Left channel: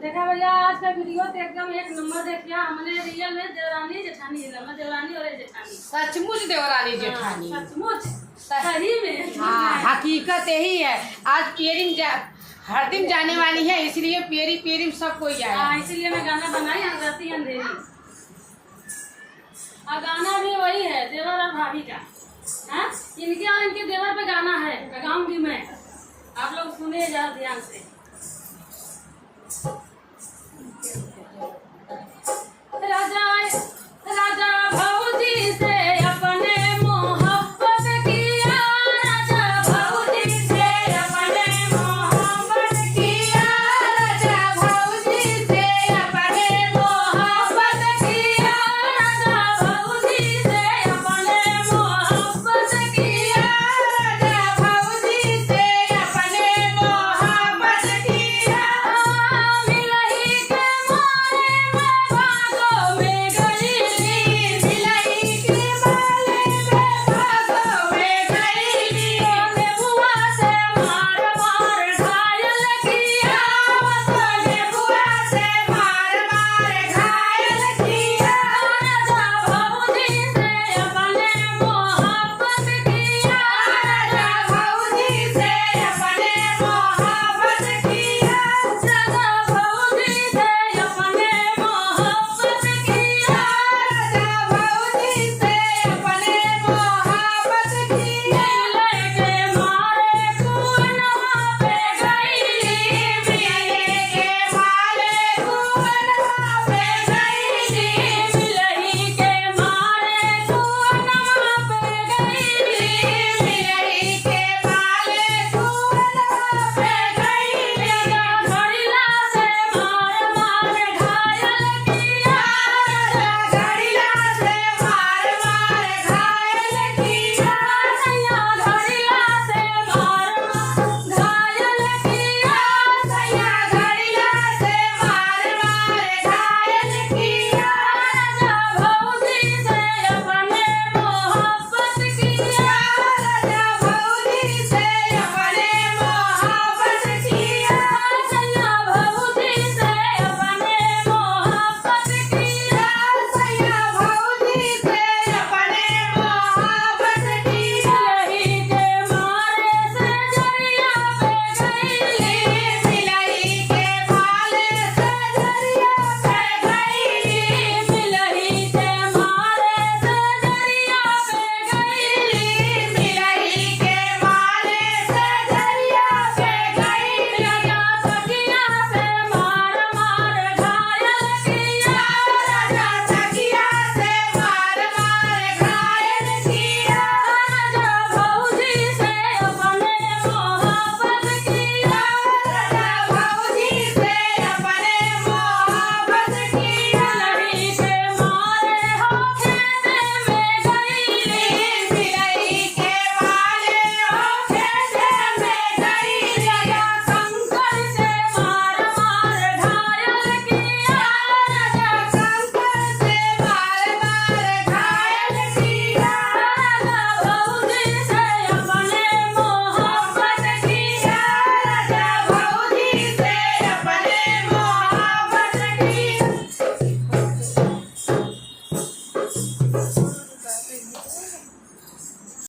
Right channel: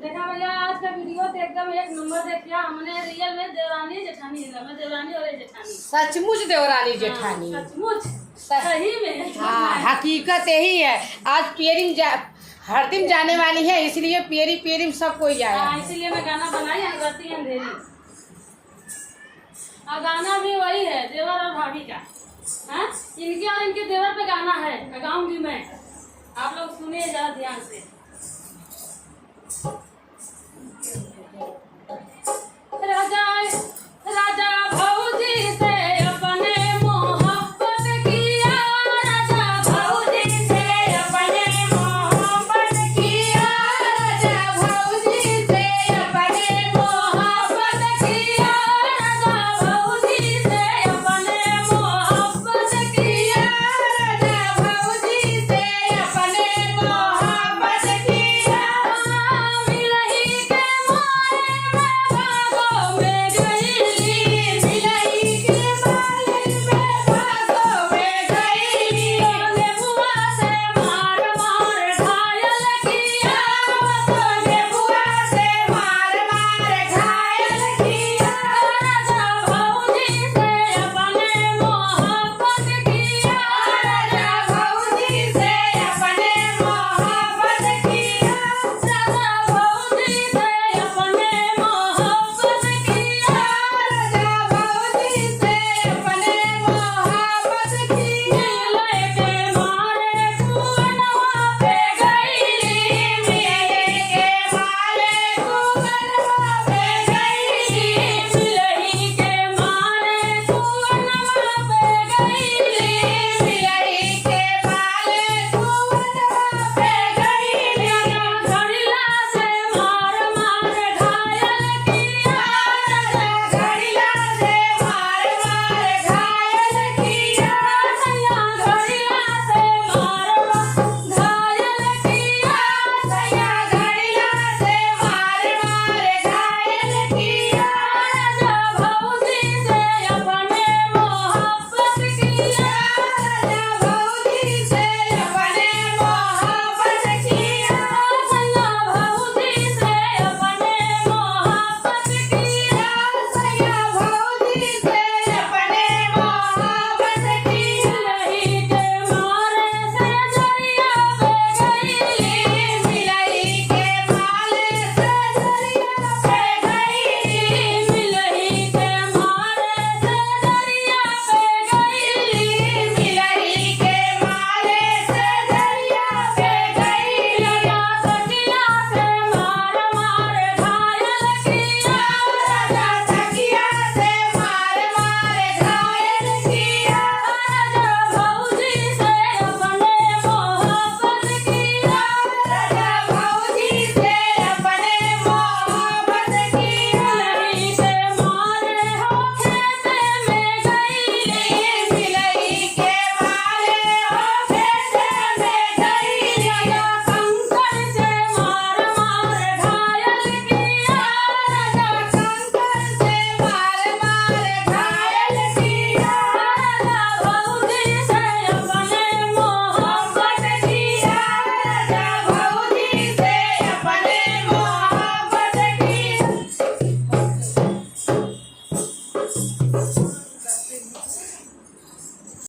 देखा भैया, आज का वीडियो तो एकदम एक नंबर देखिए। हमने रियल में देवरानी जेठानी है, देवरानी और जेठानी, सचमुच देवरानी जेठानी, सचमुच सही में। हाँ, हकीकत यही है। आज पेरिंग हर दिन जाने वाली है, इसलिए पेरिंग सब कोई आया। इसलिए मैं गाना बनाई अंधेरी अंधेरी। और गाना भी वही है, देवर और भाभी का। हाँ, इनके और इनके देवर पे गाना है, गाऊंगी मैं। आप लोग सुनिए जरा ध्यान से।